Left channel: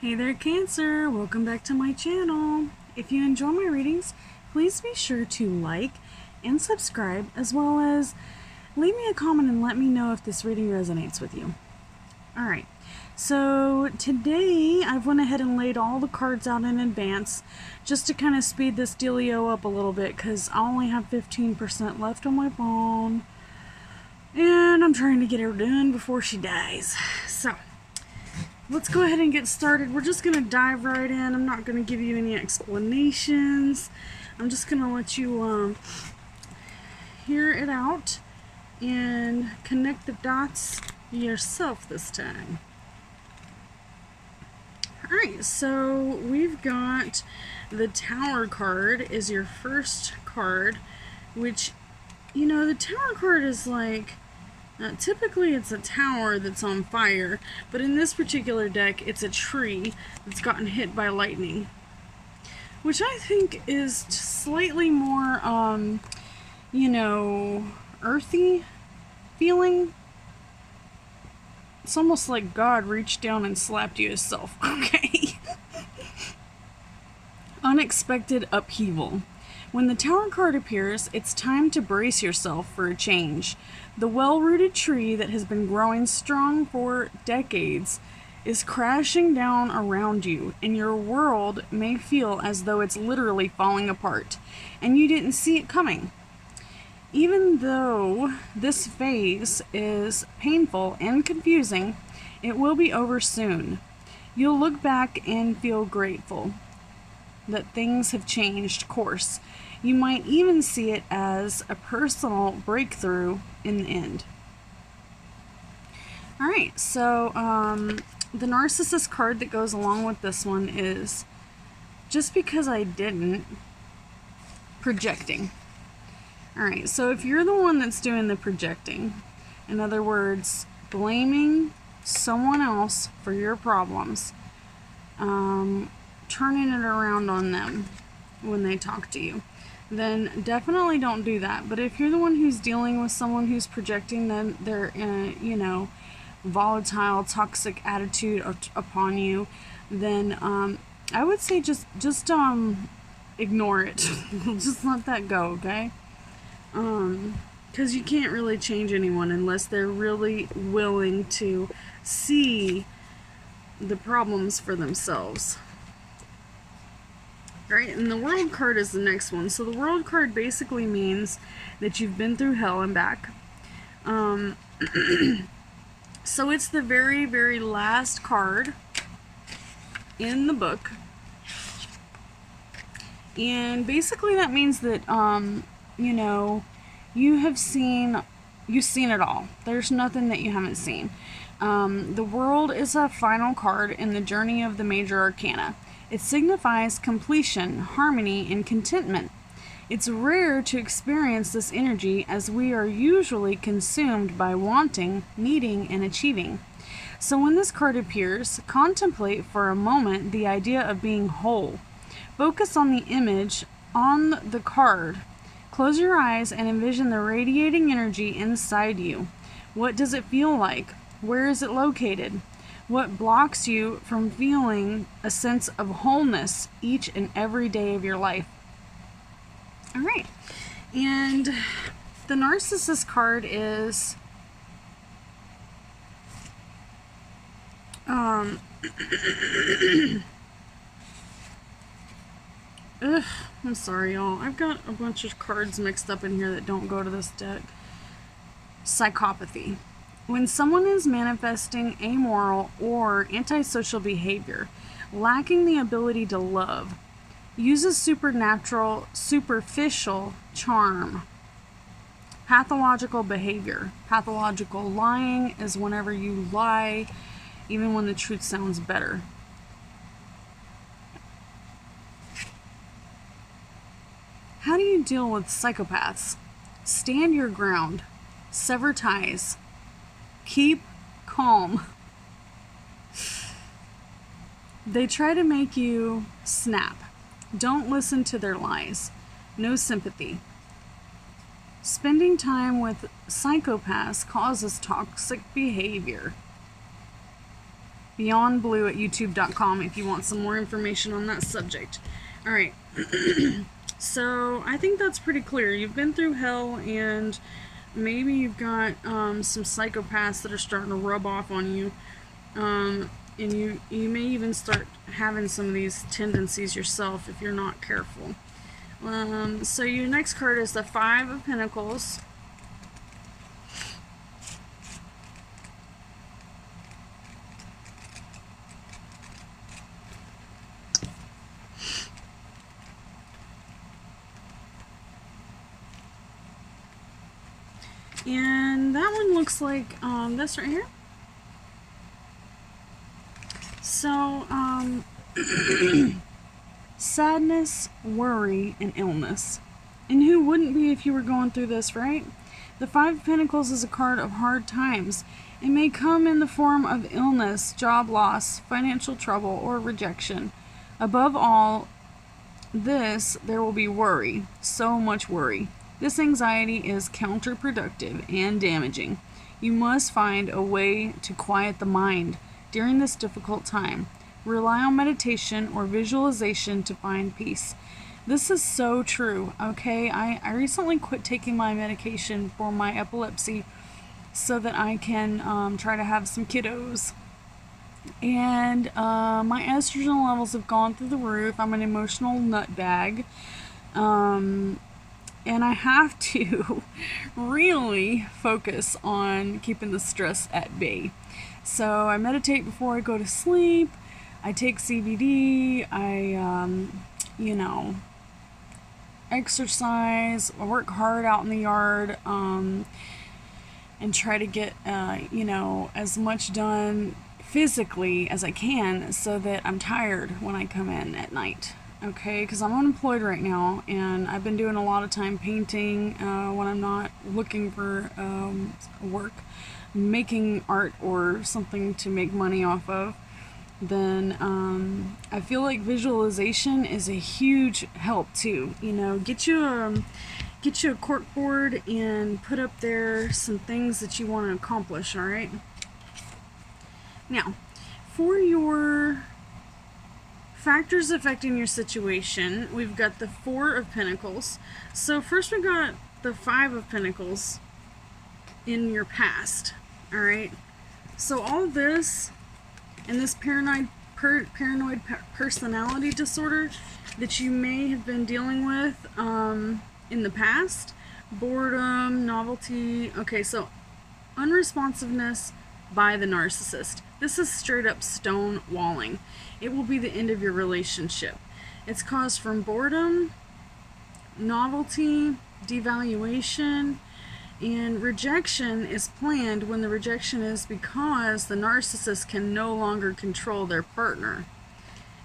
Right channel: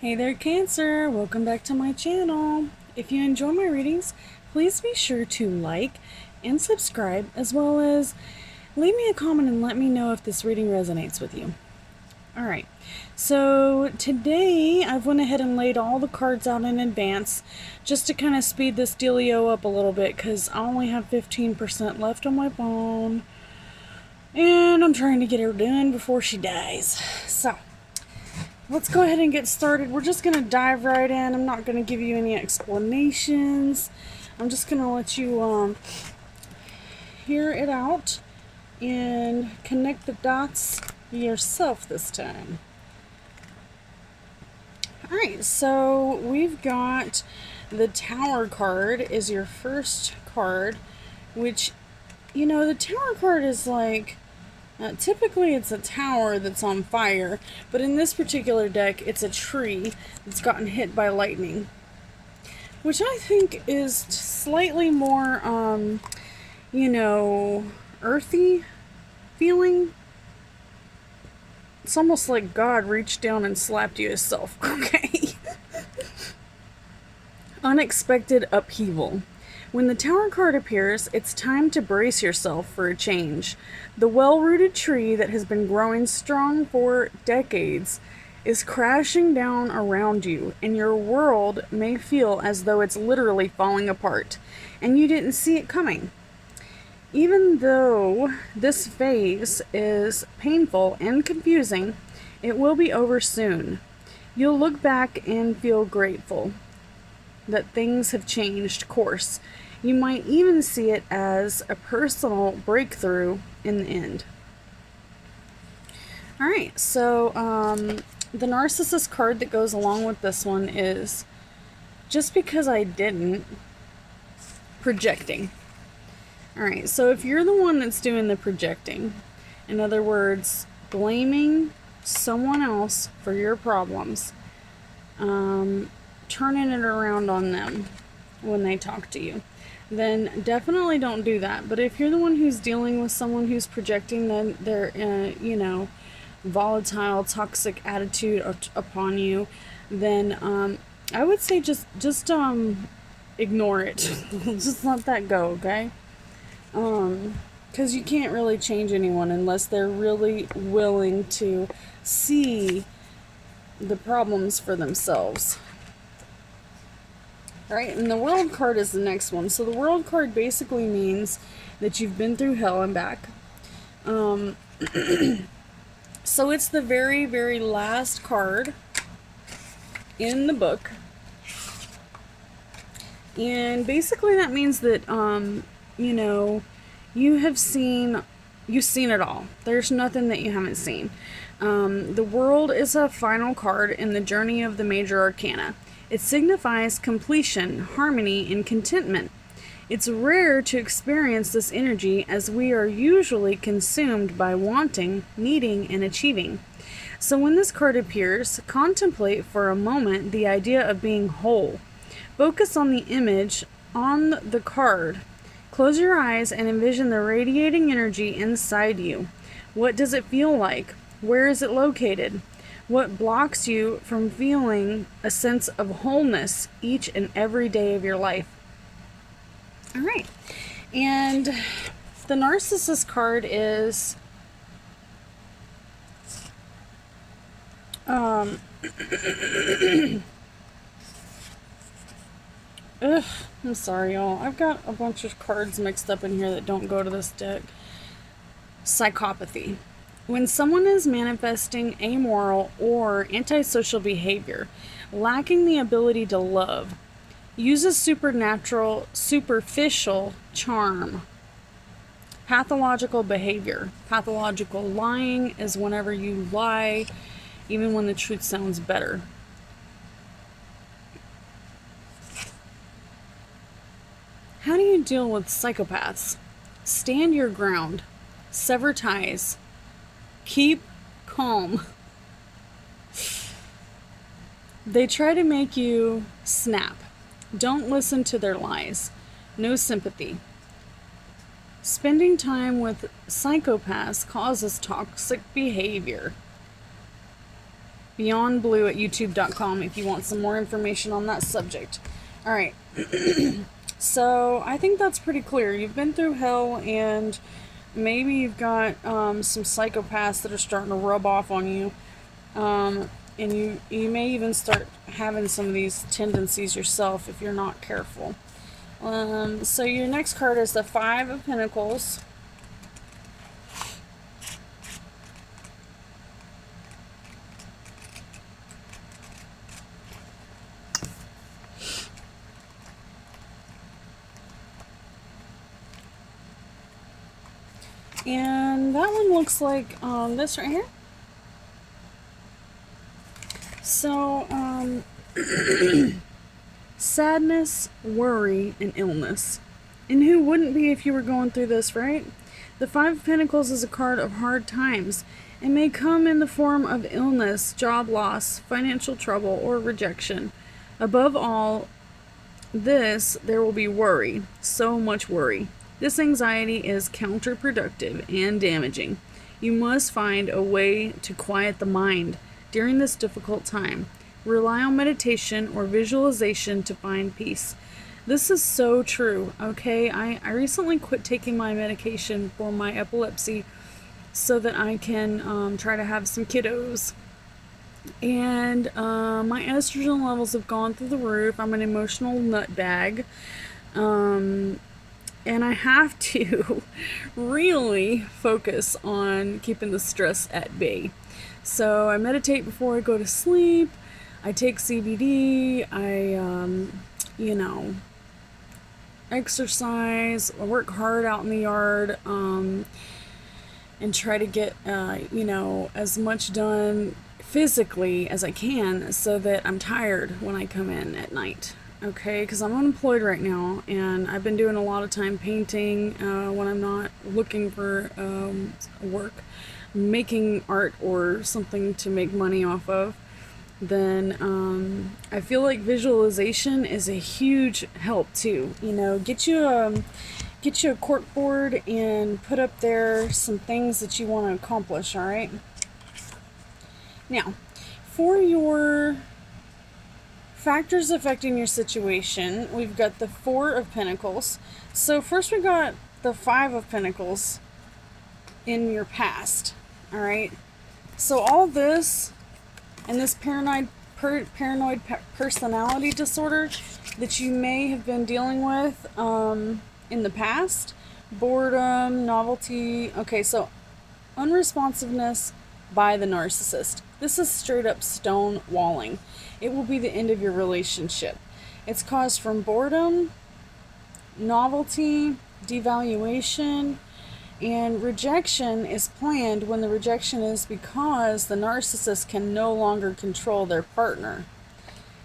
Hey there, Cancer! Welcome back to my channel. If you enjoy my readings, please be sure to like and subscribe, as well as leave me a comment and let me know if this reading resonates with you. Alright, so today I've went ahead and laid all the cards out in advance just to kind of speed this dealio up a little bit because I only have 15% left on my phone and I'm trying to get her done before she dies. So let's go ahead and get started. We're just going to dive right in. I'm not going to give you any explanations. I'm just going to let you hear it out and connect the dots yourself this time. Alright, so we've got the Tower card is your first card, which, you know, the Tower card is like, typically it's a tower that's on fire, but in this particular deck it's a tree that's gotten hit by lightning, which I think is slightly more, you know, earthy feeling. It's almost like God reached down and slapped you himself, okay? Unexpected upheaval. When the Tower card appears, it's time to brace yourself for a change. The well-rooted tree that has been growing strong for decades is crashing down around you, and your world may feel as though it's literally falling apart, and you didn't see it coming. Even though this phase is painful and confusing, it will be over soon. You'll look back and feel grateful that things have changed course. You might even see it as a personal breakthrough in the end. Alright, so the Narcissist card that goes along with this one is just because I didn't, projecting. Alright, so if you're the one that's doing the projecting, in other words, blaming someone else for your problems, turning it around on them when they talk to you, then definitely don't do that. But if you're the one who's dealing with someone who's projecting their you know, volatile, toxic attitude upon you, then I would say just ignore it. Just let that go, okay? Because you can't really change anyone unless they're really willing to see the problems for themselves. Alright, and the World card is the next one. So the World card basically means that you've been through hell and back. So it's the very, very last card in the book. And basically that means that, you know, you've seen it all. There's nothing that you haven't seen. The World is a final card in the journey of the major arcana. It signifies completion, harmony, and contentment. It's rare to experience this energy as we are usually consumed by wanting, needing, and achieving. So when this card appears, contemplate for a moment the idea of being whole. Focus on the image on the card. Close your eyes and envision the radiating energy inside you. What does it feel like? Where is it located? What blocks you from feeling a sense of wholeness each and every day of your life? Alright, and the Narcissist card is I'm sorry, y'all. I've got a bunch of cards mixed up in here that don't go to this deck. Psychopathy. When someone is manifesting amoral or antisocial behavior, lacking the ability to love, uses supernatural, superficial charm. Pathological behavior. Pathological lying is whenever you lie, even when the truth sounds better. How do you deal with psychopaths? Stand your ground. Sever ties. Keep calm. They try to make you snap. Don't listen to their lies. No sympathy. Spending time with psychopaths causes toxic behavior. beyondblue@youtube.com if you want some more information on that subject. All right. So I think that's pretty clear. You've been through hell, and maybe you've got some psychopaths that are starting to rub off on you. And you may even start having some of these tendencies yourself if you're not careful. So your next card is the Five of Pentacles. And that one looks like this right here. So, sadness, worry, and illness. And who wouldn't be if you were going through this, right? The Five of Pentacles is a card of hard times. It may come in the form of illness, job loss, financial trouble, or rejection. Above all this, there will be worry. So much worry. This anxiety is counterproductive and damaging. You must find a way to quiet the mind during this difficult time. Rely on meditation or visualization to find peace. This is so true, okay? I recently quit taking my medication for my epilepsy so that I can try to have some kiddos. And my estrogen levels have gone through the roof. I'm an emotional nutbag. And I have to really focus on keeping the stress at bay. So I meditate before I go to sleep. I take CBD. I, exercise. I work hard out in the yard and try to get, as much done physically as I can so that I'm tired when I come in at night. Okay, because I'm unemployed right now, and I've been doing a lot of time painting when I'm not looking for work, making art or something to make money off of. Then I feel like visualization is a huge help too. Get you a cork board and put up there some things that you want to accomplish. All right. Now, for your factors affecting your situation, we've got the Four of Pentacles. So first we got the Five of Pentacles in your past. All right. So all this and this paranoid personality disorder that you may have been dealing with in the past, boredom, novelty. Okay, so unresponsiveness by the narcissist. This is straight up stonewalling. It will be the end of your relationship. It's caused from boredom, novelty, devaluation, and rejection is planned when the rejection is because the narcissist can no longer control their partner.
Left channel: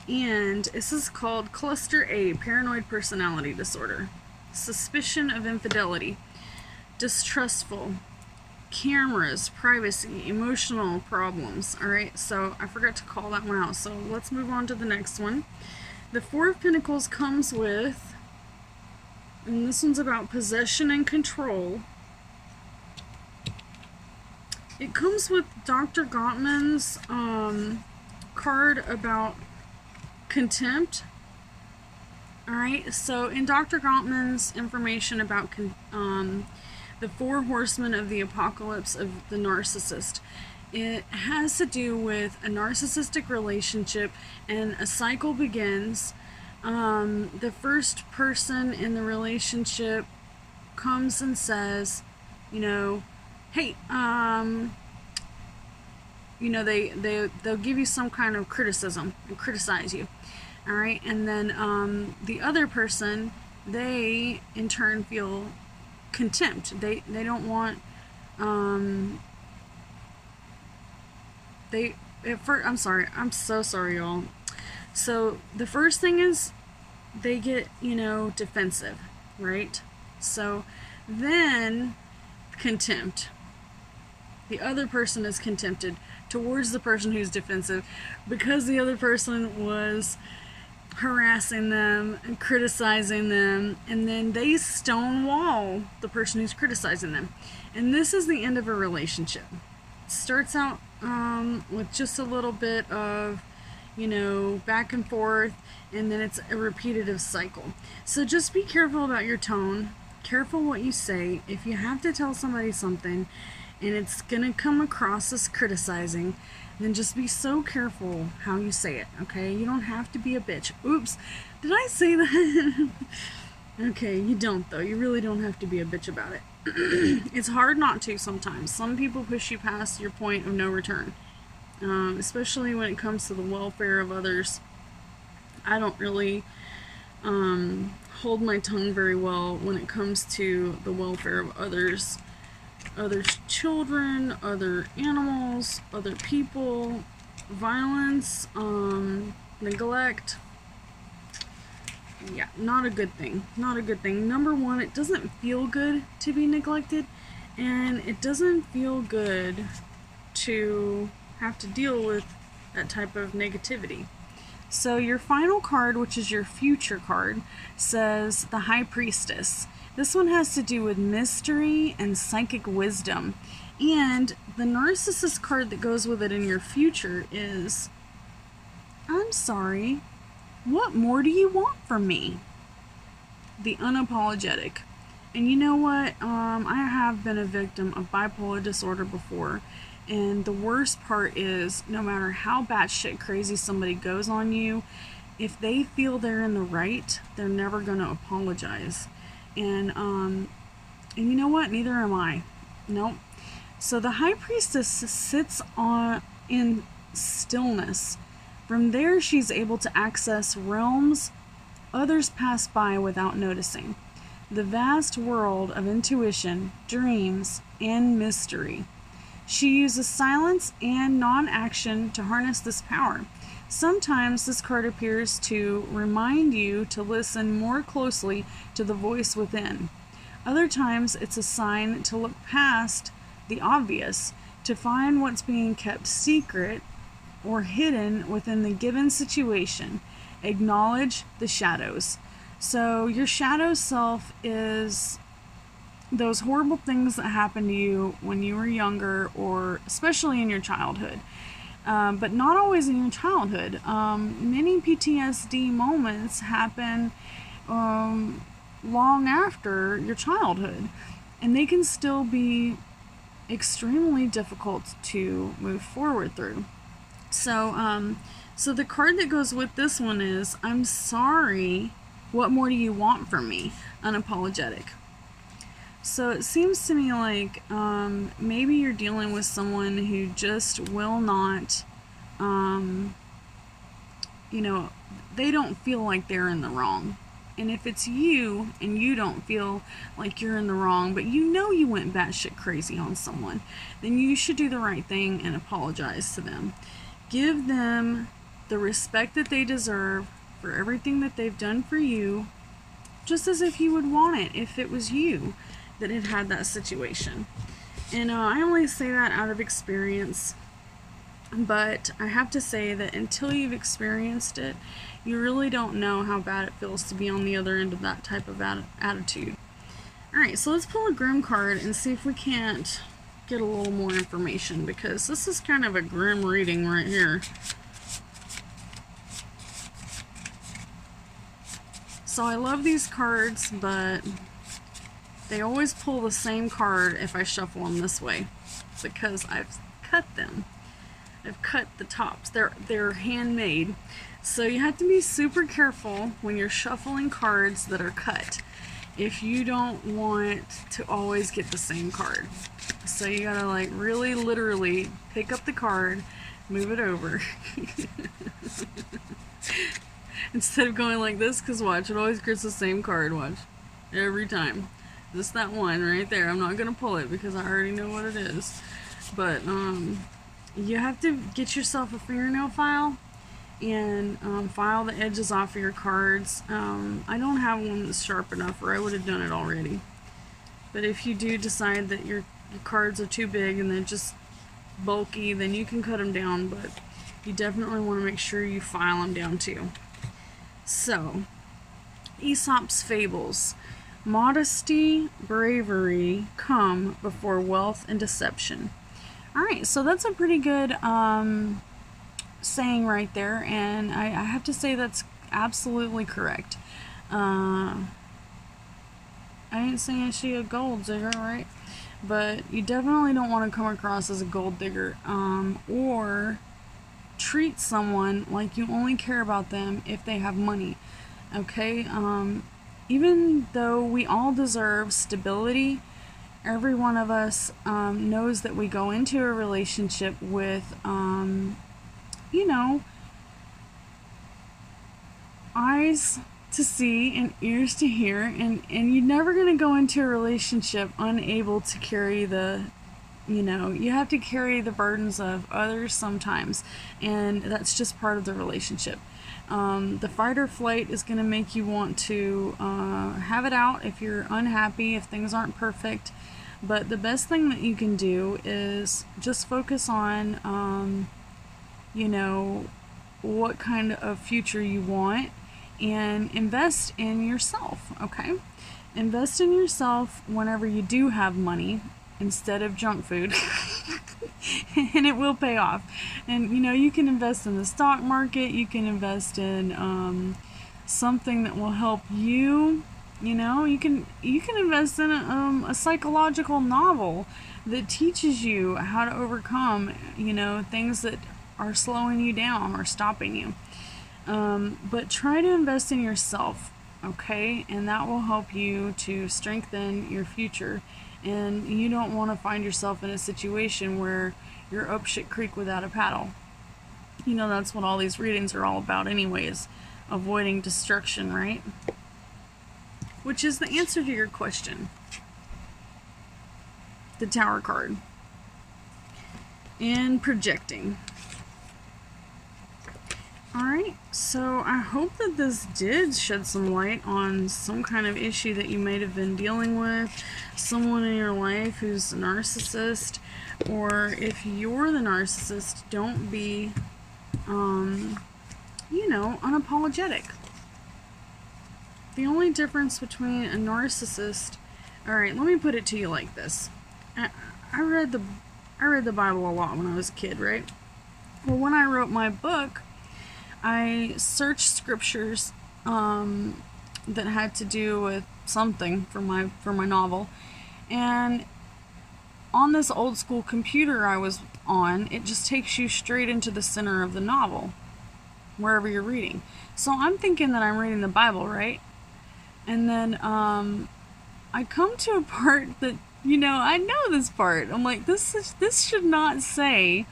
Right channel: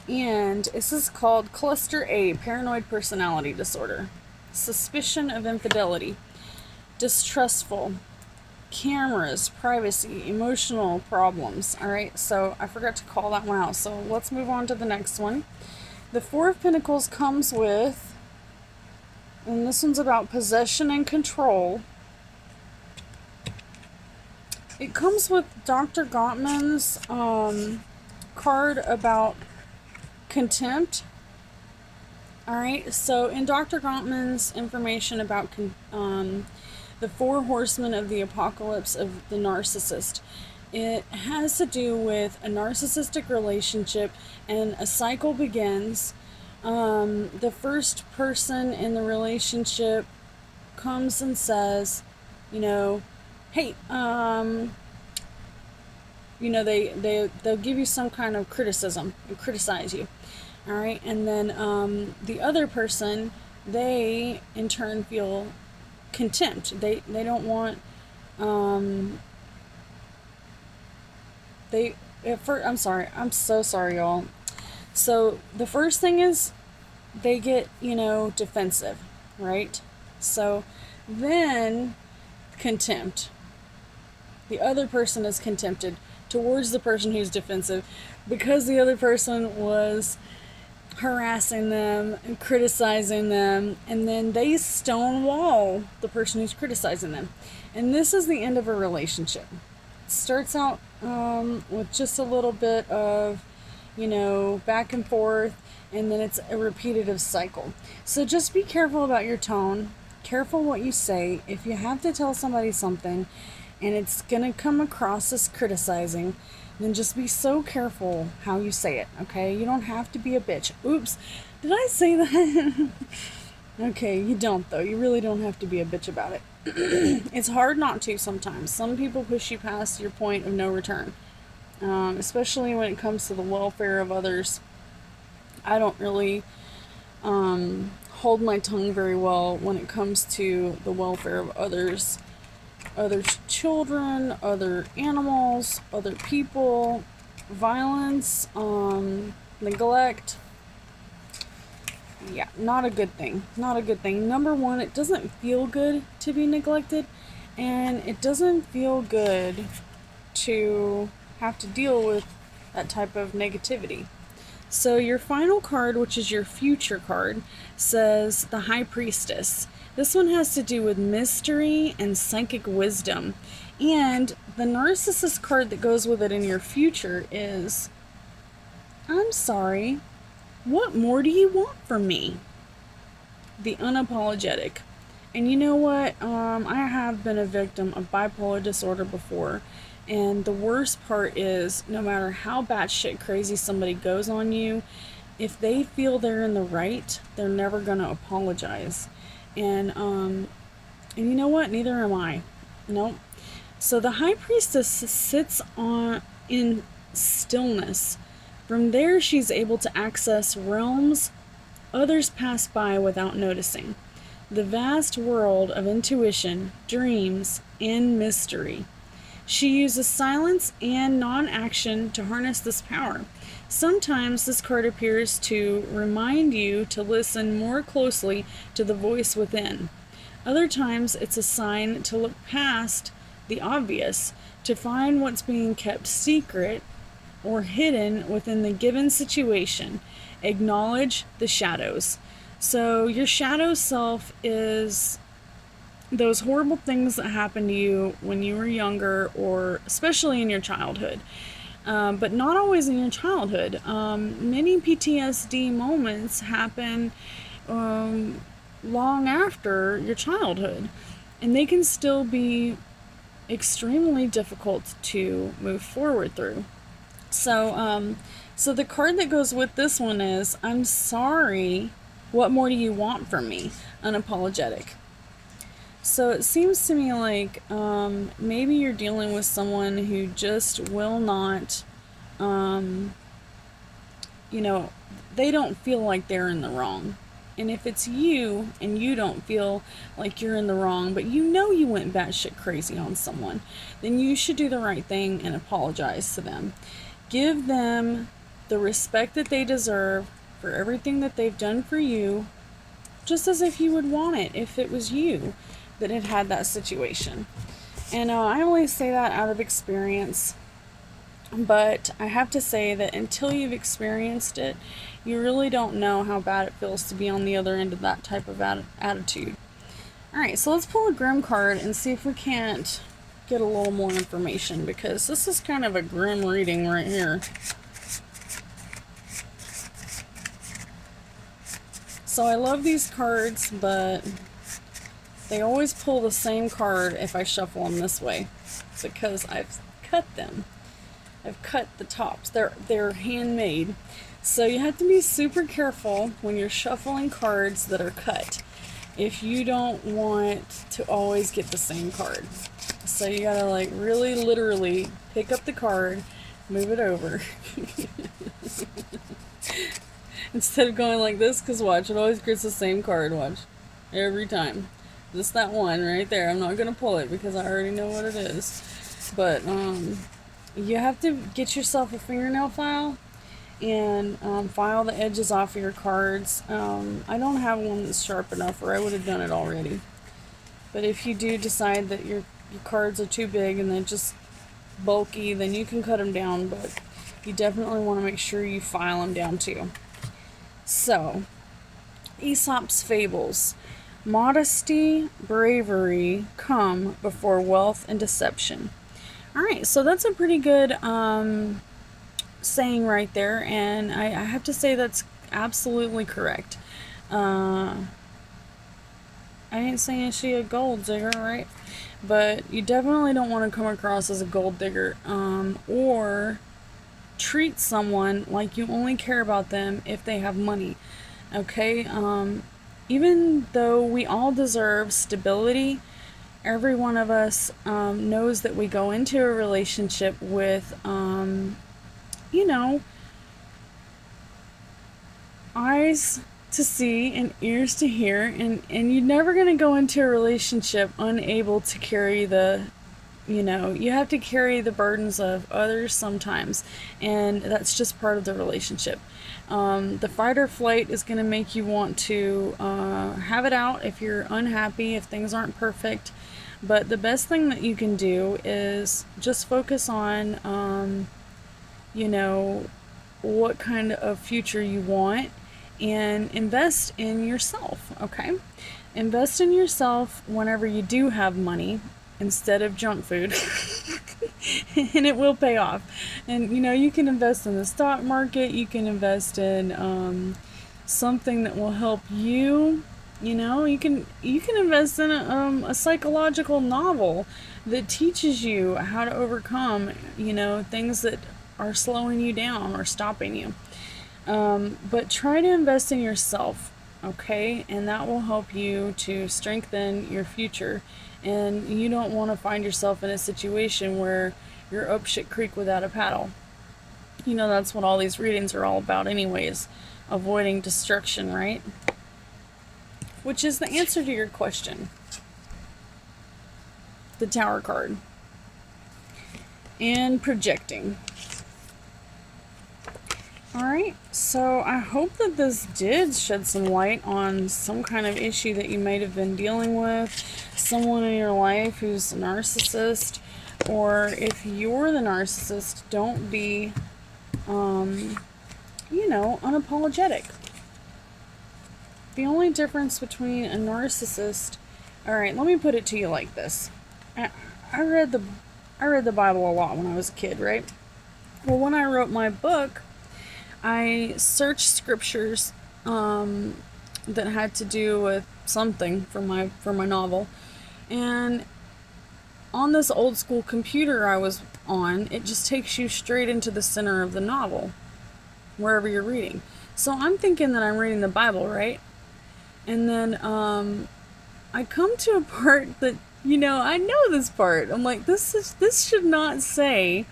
And this is called Cluster A, Paranoid Personality Disorder. Suspicion of infidelity, distrustful, cameras, privacy, emotional problems. All right, so I forgot to call that one out. So let's move on to the next one. The Four of Pentacles comes with, and this one's about possession and control. It comes with Dr. Gottman's card about contempt. All right, so in Dr. Gottman's information about the Four Horsemen of the Apocalypse of the Narcissist, it has to do with a narcissistic relationship, and a cycle begins. The first person in the relationship comes and says, hey, they'll give you some kind of criticism and criticize you. All right, and then the other person, they in turn feel contempt. They don't want I'm sorry, I'm so sorry, y'all. So the first thing is they get defensive, right? So then contempt. The other person is contempted towards the person who's defensive because the other person was harassing them and criticizing them, and then they stonewall the person who's criticizing them. And this is the end of a relationship. starts out with just a little bit of, back and forth, and then it's a repetitive cycle. So just be careful about your tone, careful what you say. If you have to tell somebody something and it's gonna come across as criticizing, then just be so careful how you say it, okay? You don't have to be a bitch. Oops, did I say that? Okay, you don't though. You really don't have to be a bitch about it. It's hard not to sometimes. Some people push you past your point of no return, especially when it comes to the welfare of others. I don't really hold my tongue very well when it comes to the welfare of others. Other children, other animals, other people, violence, neglect. Yeah, not a good thing. Not a good thing. Number one, it doesn't feel good to be neglected, and it doesn't feel good to have to deal with that type of negativity. So your final card, which is your future card, says the High Priestess. This one has to do with mystery and psychic wisdom. And the Narcissist card that goes with it in your future is, I'm sorry, what more do you want from me? The Unapologetic. And you know what? I have been a victim of bipolar disorder before. And the worst part is, no matter how batshit crazy somebody goes on you, if they feel they're in the right, they're never going to apologize. And you know what? Neither am I. Nope. So the High Priestess sits in stillness. From there, she's able to access realms others pass by without noticing. The vast world of intuition, dreams, and mystery. She uses silence and non-action to harness this power. Sometimes this card appears to remind you to listen more closely to the voice within. Other times it's a sign to look past the obvious, to find what's being kept secret or hidden within the given situation. Acknowledge the shadows. So your shadow self is those horrible things that happened to you when you were younger, or especially in your childhood. But not always in your childhood. Many PTSD moments happen long after your childhood, and they can still be extremely difficult to move forward through. So the card that goes with this one is, I'm sorry, what more do you want from me? Unapologetic. So it seems to me like maybe you're dealing with someone who just will not, they don't feel like they're in the wrong. And if it's you and you don't feel like you're in the wrong, but you know you went batshit crazy on someone, then you should do the right thing and apologize to them. Give them the respect that they deserve for everything that they've done for you, just as if you would want it if it was you that had that situation. And I only say that out of experience, but I have to say that until you've experienced it, you really don't know how bad it feels to be on the other end of that type of attitude. Alright, so let's pull a Grim card and see if we can't get a little more information, because this is kind of a grim reading right here. So I love these cards, but they always pull the same card if I shuffle them this way, because I've cut them. I've cut the tops. They're handmade. So you have to be super careful when you're shuffling cards that are cut, if you don't want to always get the same card. So you gotta like really literally pick up the card, move it over. Instead of going like this, because watch, it always gets the same card, watch. Every time. Just that one right there. I'm not gonna pull it because I already know what it is. But you have to get yourself a fingernail file and file the edges off of your cards. I don't have one that's sharp enough, or I would have done it already. But if you do decide that your cards are too big and they're just bulky, then you can cut them down, but you definitely want to make sure you file them down too. So, Aesop's Fables. Modesty, bravery come before wealth and deception. All right, so that's a pretty good saying right there, and I have to say that's absolutely correct. I ain't saying she a gold digger, right? But you definitely don't want to come across as a gold digger, or treat someone like you only care about them if they have money. Okay? Even though we all deserve stability, every one of us knows that we go into a relationship with, you know, eyes to see and ears to hear, and you're never going to go into a relationship unable to carry the, you have to carry the burdens of others sometimes, and that's just part of the relationship. The fight or flight is going to make you want to have it out if you're unhappy, if things aren't perfect. But the best thing that you can do is just focus on, what kind of future you want, and invest in yourself, okay? Invest in yourself whenever you do have money instead of junk food. And it will pay off. And you can invest in the stock market, you can invest in something that will help you. You can invest in a psychological novel that teaches you how to overcome things that are slowing you down or stopping you. But try to invest in yourself, okay? And that will help you to strengthen your future. And you don't want to find yourself in a situation where you're up shit creek without a paddle. That's what all these readings are all about anyways. Avoiding destruction, right? Which is the answer to your question. The Tower card. And projecting. Alright, so I hope that this did shed some light on some kind of issue that you might have been dealing with, someone in your life who's a narcissist, or if you're the narcissist, don't be, unapologetic. The only difference between a narcissist, alright, let me put it to you like this. I read the Bible a lot when I was a kid, right? Well, when I wrote my book, I searched scriptures that had to do with something for my novel, and on this old school computer I was on, it just takes you straight into the center of the novel, wherever you're reading. So I'm thinking that I'm reading the Bible, right? And then I come to a part that I know this part. I'm like, this should not say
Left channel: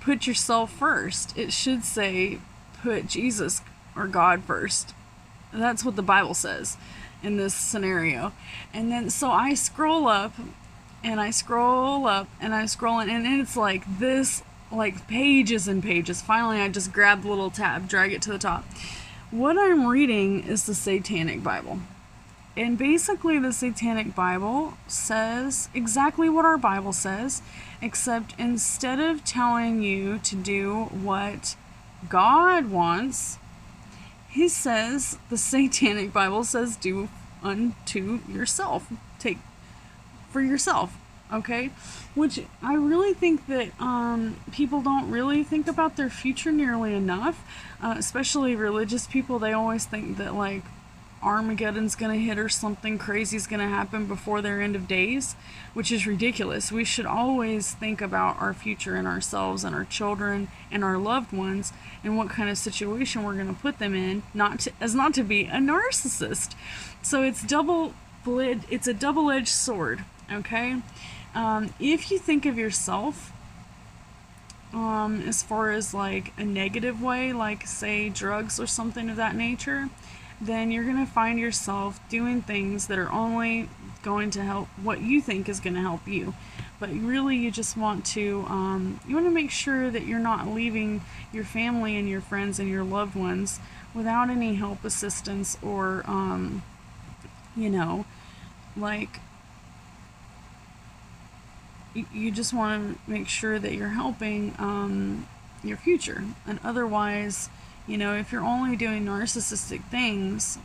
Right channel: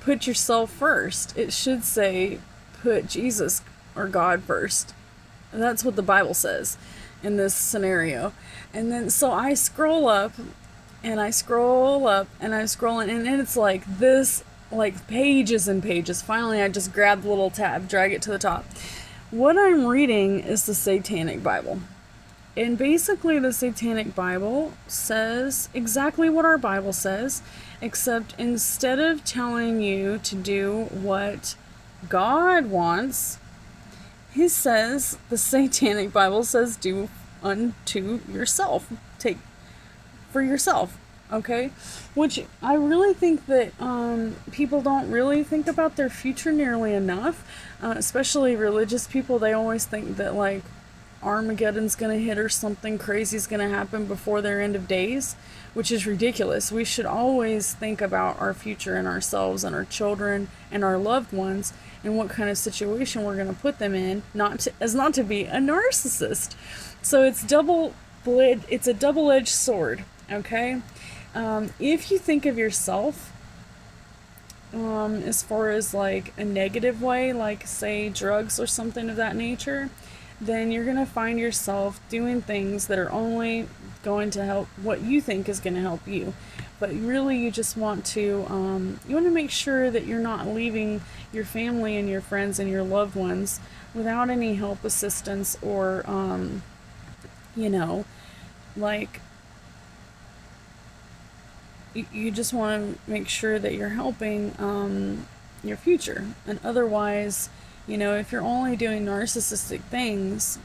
put yourself first. It should say put Jesus or God first. And that's what the Bible says in this scenario. And then so I scroll up and I scroll up and I scroll in, and it's like this, like pages and pages. Finally I just grab the little tab, drag it to the top. What I'm reading is the Satanic Bible. And basically the Satanic Bible says exactly what our Bible says, except instead of telling you to do what God wants, he says, the Satanic Bible says, do unto yourself. Take for yourself, okay? Which I really think that people don't really think about their future nearly enough, especially religious people. They always think that, like, Armageddon's gonna hit or something crazy's gonna happen before their end of days, which is ridiculous. We should always think about our future and ourselves and our children and our loved ones and what kind of situation we're gonna put them in, not to be a narcissist. So it's a double-edged sword, okay? If you think of yourself as far as like a negative way, like say drugs or something of that nature, then you're going to find yourself doing things that are only going to help what you think is going to help you. But really you just want to make sure that you're not leaving your family and your friends and your loved ones without any help, assistance, or like you just want to make sure that you're helping your future. And otherwise, if you're only doing narcissistic things,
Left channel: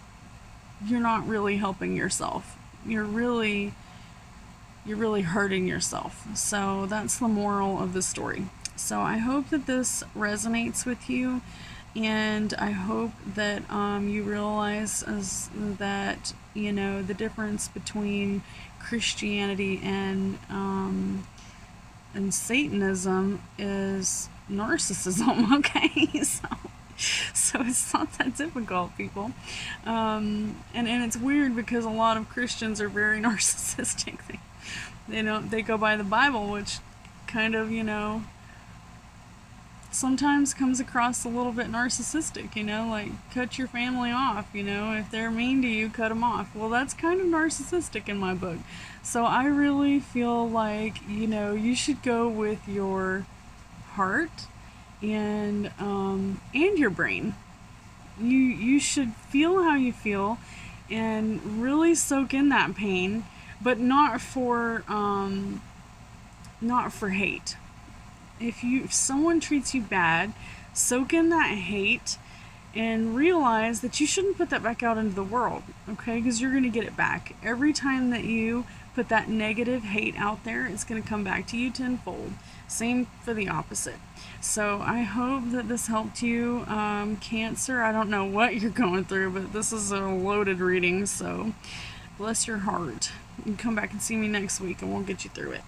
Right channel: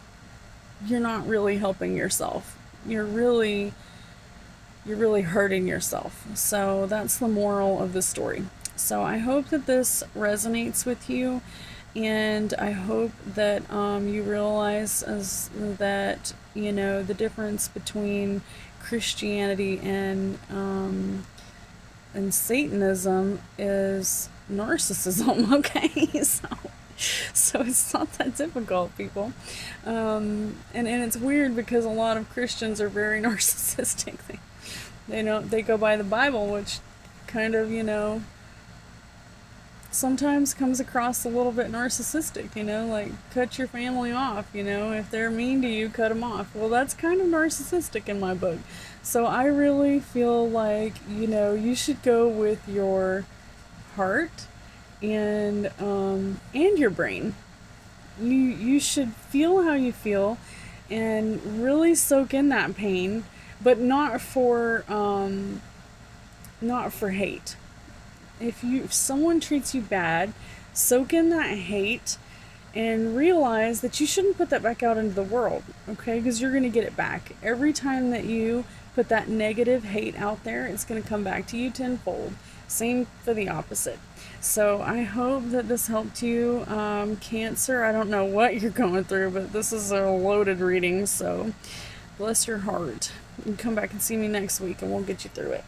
you're not really helping yourself. You're really you're really hurting yourself. So that's the moral of the story. So I hope that this resonates with you, and I hope that you realize that, you know, the difference between Christianity and Satanism is narcissism. Okay, so it's not that difficult, people. And it's weird because a lot of Christians are very narcissistic. They go by the Bible, which kind of, you know, sometimes comes across a little bit narcissistic, you know, like cut your family off, you know, if they're mean to you, cut them off. Well, that's kind of narcissistic in my book. So I really feel like, you know, you should go with your heart and your brain. You should feel how you feel and really soak in that pain, but not for hate. If someone treats you bad, soak in that hate and realize that you shouldn't put that back out into the world, okay? Because you're going to get it back. Every time that you put that negative hate out there, it's going to come back to you tenfold. Same for the opposite. So I hope that this helped you. Cancer, I don't know what you're going through, but this is a loaded reading, so bless your heart. You can come back and see me next week and we'll get you through it.